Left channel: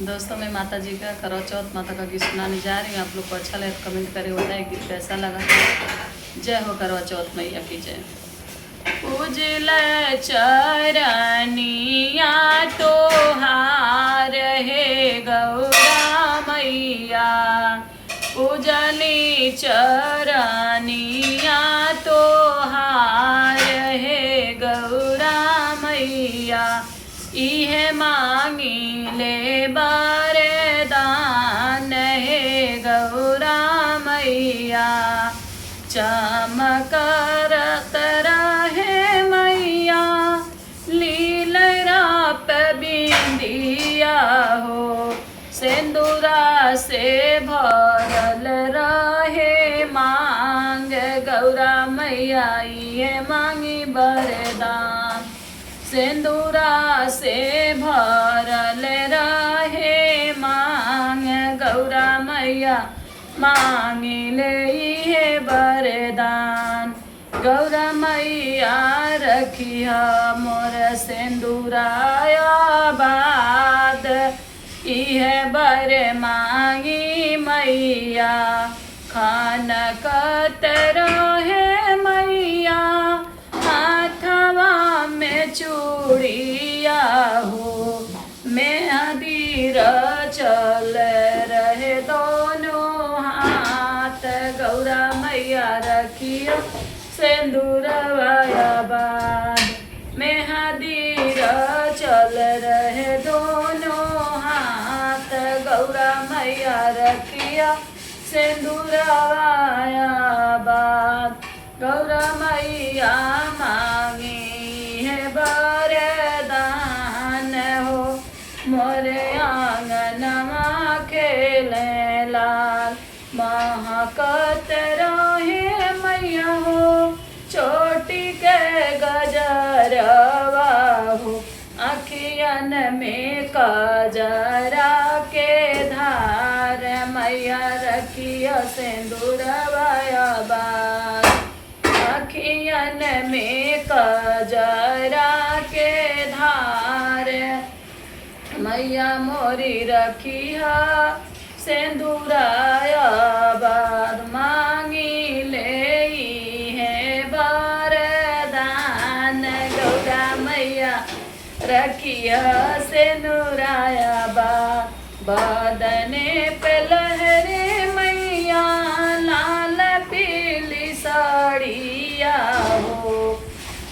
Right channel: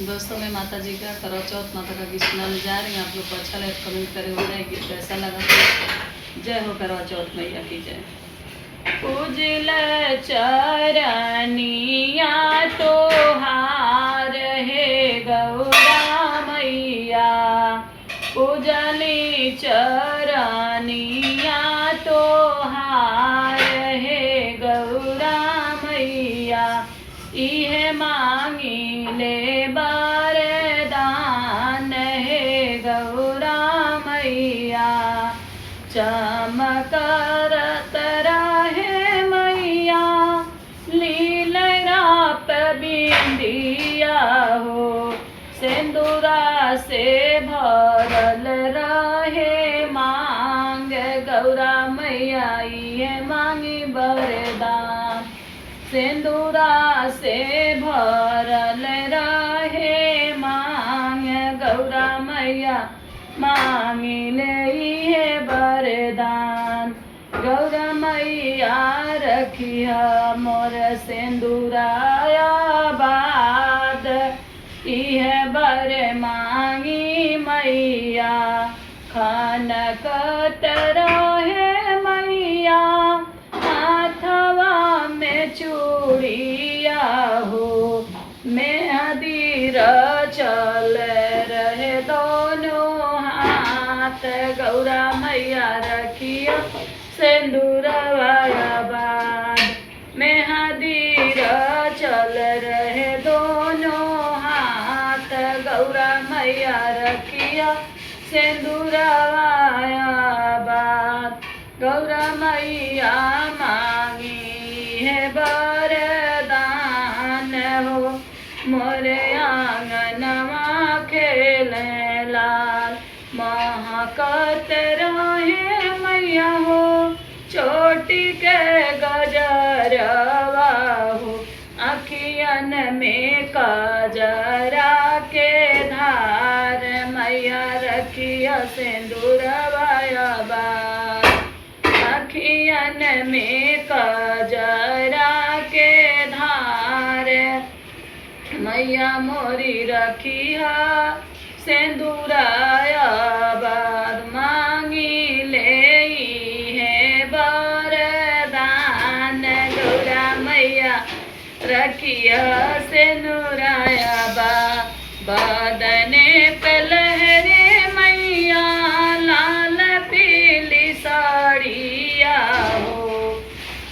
दोस्तों मैं माता जी का करवा चौथ माता का गीत सुनाने जा रही हूँ। आप लोग को अच्छा लगे तो कमेंट करें, होता है गीत कैसा लगा। जय हो करवा चौथ मैया की जय। पूजल चरनिया तोहार हे गौरा मैया, पूजनी चरनिया तोहार हे गौरा मैया, इहे मांगी ले बरदान हे गौरा मैया। चमकरत रहे मैया लीलरा पे बिंदिया हो, सिंदूरा से भरल रहे मांग गौरा मैया, ये मांगी बरदान। सिंदूरा से भरल रहे मांग गौरा मैया, मांगिले ये वरदान। गौरा मैया रखिया मोर सिंदूराया बाद, इहे बर मांगी मैया। खनकत रहे मैया हाथवा में चूड़िया हो, मेहंदी चल रहे दोनों हाथ। गौरा मैया रखिया सिंदूरवाया बाद, मेहंदी चल रहे दोनों हाथ। गौरा मैया रखिया सिंदूरवाया बाद। गौरा मैया मांगी है बरदान हो, मोरे आंगनमा खेले लाल। महकत रहे मैया हो चोटी के गजरवा हो, अखियन में कजरा के धार। मैया रखिया सिंदूरवाया बाद, अखियन में कजरा के धार। मैया मोरी रखिया सिंदूराया बाद, मांगी ले है बरदान। गौरा मैया रखिया सिंदूराया बाद, बदने पे लहरे मैया लाल पीली साड़िया हो,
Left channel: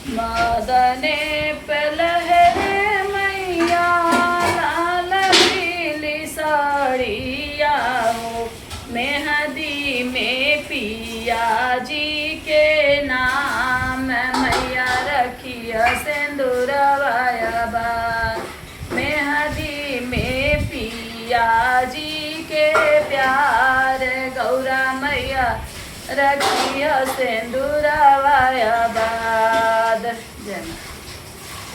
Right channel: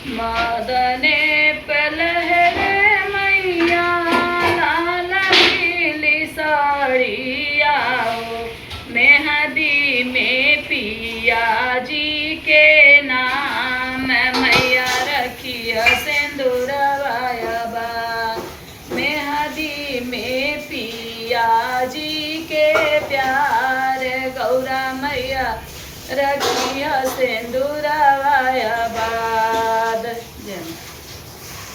मदने पे लहरे मैया लाल पीली साड़िया हो। मेहंदी में पिया जी के नाम, मैया रखिया सिंदूरवाया बाद। मेहंदी में पिया जी के प्यार, गौरा मैया रखिया सिंदूरवाया बाद। जय माता।